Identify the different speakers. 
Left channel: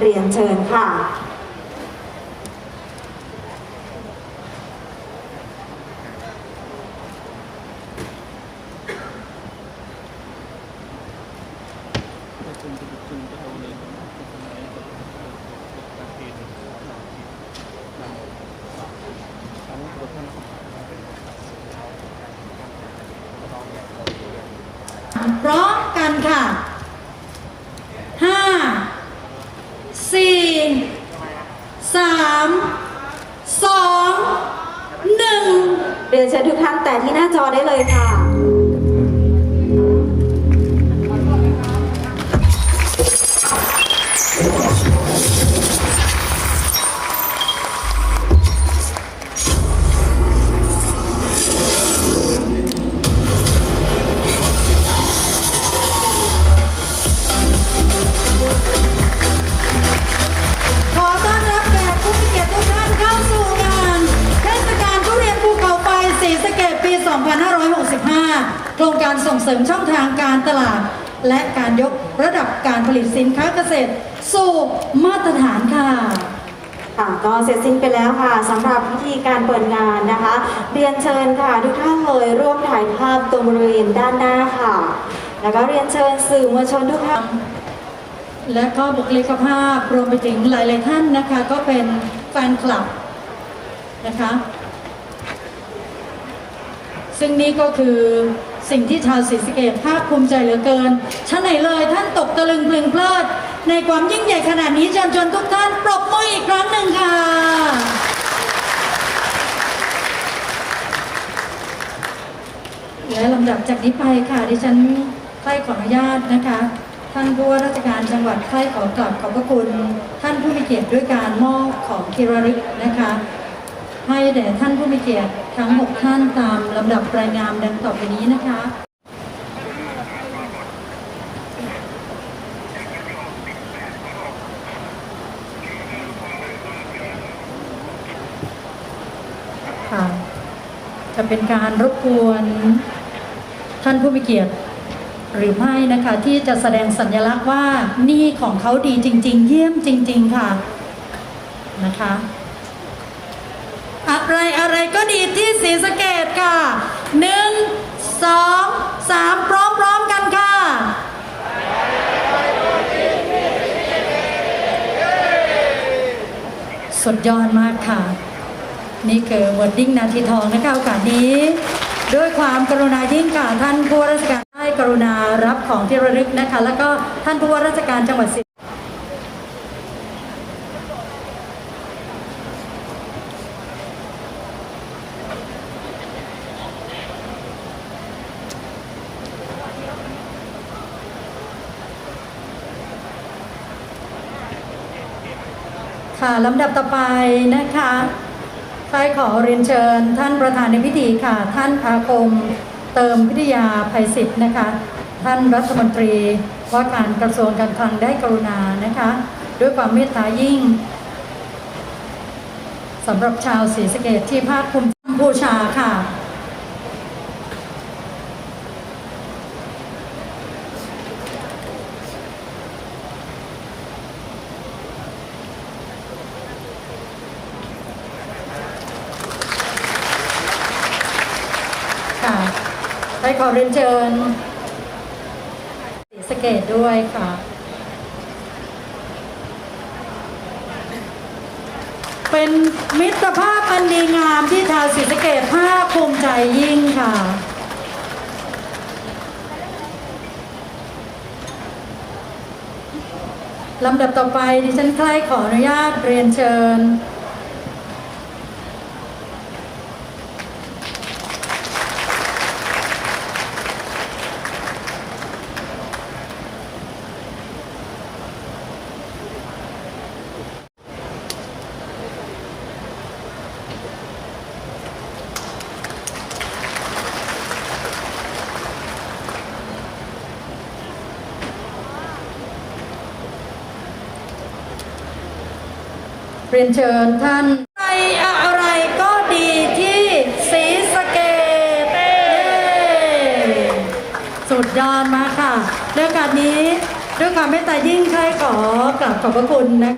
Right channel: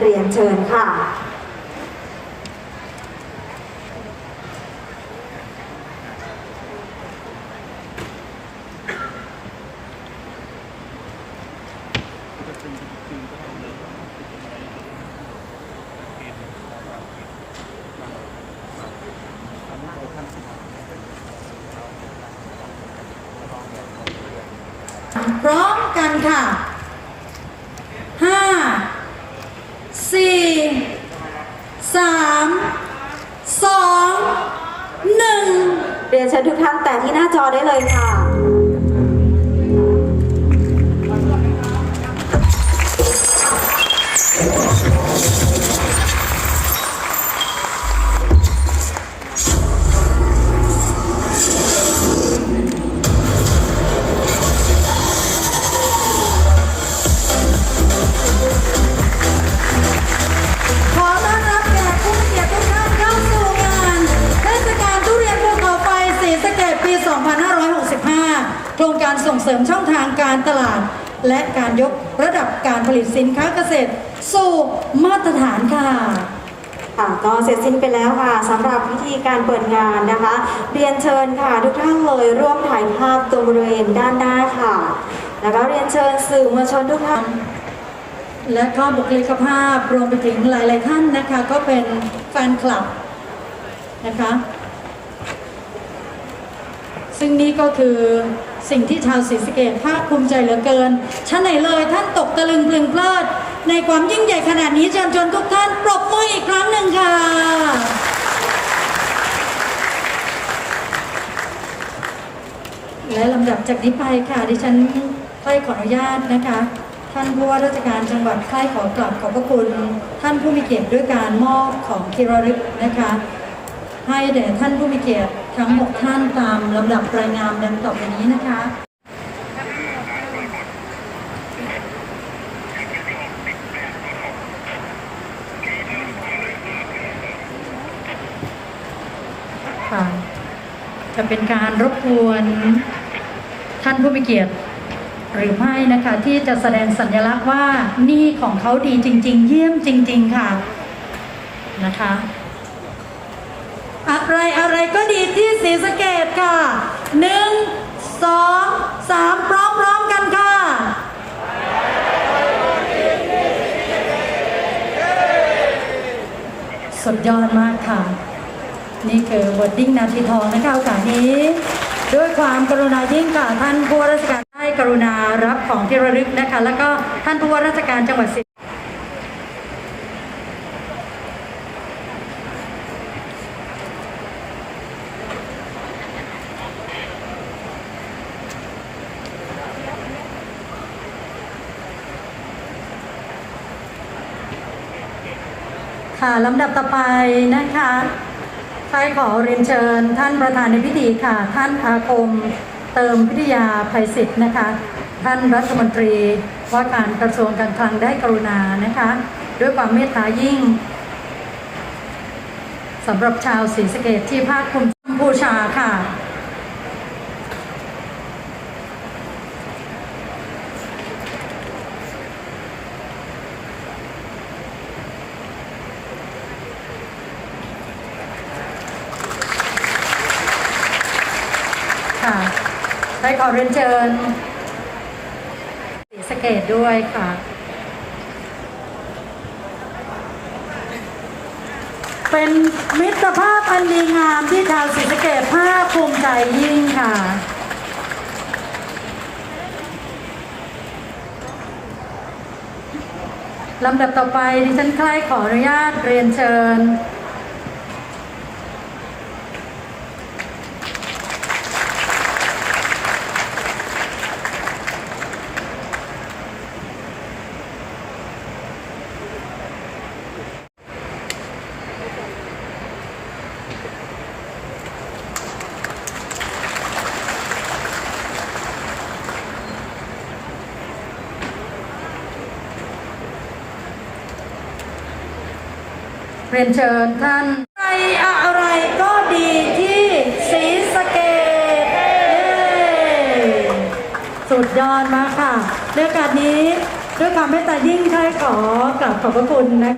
Speaker 1: เรียนเชิญค่ะ
Speaker 2: พร้อมกันค่ะ ห้า สี่ สาม สอง หนึ่ง
Speaker 1: เทุกท่านแต่ที่หน้าจอได้เลยค่ะ
Speaker 2: โครงการส่งเสริมช่องทางการตลาด และการยกระดับการผลิตสินค้าเกษตร สู่มาตรฐานค่ะ
Speaker 1: ค่ะก็เสร็จสิ้นไปแล้วค่ะสำหรับพิธีการเปิดงานนะคะ เรียนเชิญค่ะทุกท่านเลยร่วมถ่ายภาพตรงบริเวณด้านหน้าค่ะ แล้วก็เรียนเชิญสื่อมวลชนทุกท่าน
Speaker 2: และก็บุคลิกภาพรวมไปถึงหลาย ๆ ท่านนะคะ ก็เป็นแฟนคลับนะคะ ซึ่งนี่ก็คือ สิ่งที่ชาวศรีสะเกดภาคภูมิใจเหลือเกินชั้นไหนเลยท่านตกตะลึงเพลิงเพลิด ในความยิ่งใหญ่ขนาดนี้เชิญชวนทุกท่านปรบมืออีกครั้งหนึ่งค่ะ และลำดับจากนี้ไปค่ะดิฉันค่อยขออนุญาตนะคะท่านผู้ว่าราชการจังหวัดค่ายขอกลับขอบพระคุณ ท่านผู้มีเกียรติด้วยการมอบของที่ระลึกนะคะ ให้แด่ท่านผู้มีเกียรติทั้งหกท่านตามลำดับรายงานดังต่อไปนี้นะคะค่ะจะเป็นการรบกวนท่านผู้มีเกียรติหรือไม่นะคะ ที่จะแสดงสัญลักษณ์ว่านี่ของเขาดีจริง ๆ เยี่ยมจริง ๆ ค่ะนะคะ อะไรอะไรก็ดีที่ศรีสะเกดค่ะหนึ่งสองสามพร้อมๆกันค่ะ สุดยอดมากค่ะ นี่คือวอร์ดิ้งนาทีทองนะคะโอกาสนี้ ด้วยความกรุณายิ่งค่ะท่านผู้ราชการณารับของที่ระลึกนะคะ แล้วก็ท่านผู้ว่าราชการจังหวัดศรี ค่ะลำดับต่อไปนะคะค่ายขอเรียนเชิญ ท่านประธานในพิธีค่ะ ท่านอาคมเติมพิทยาภัยศิษย์นะคะ ท่านรัฐมนตรีว่าการกระทรวงการคลังได้กรุณานะคะ ด้วยความเมตตายิ่งสำหรับชาวศรีสะเกดที่ภาคภูมิบูชาค่ะ ได้ขอเรียนเชิญศรีสเกดด้วยค่ะเป็นมิตรภาพอันดีงามที่ชาวศรีสะเกดภาคภูมิใจยิ่งค่ะ ลำดับต่อไปดิฉันใกล้ขออนุญาตเรียนเชิญ เรียนเชิญท่านใครอะไรก็ดีที่สีสเกตสุดยอดมากค่ะในโอการนี้ด้วยความไม่ตายิ่งค่ายขอกราบขอบพระคุณนะ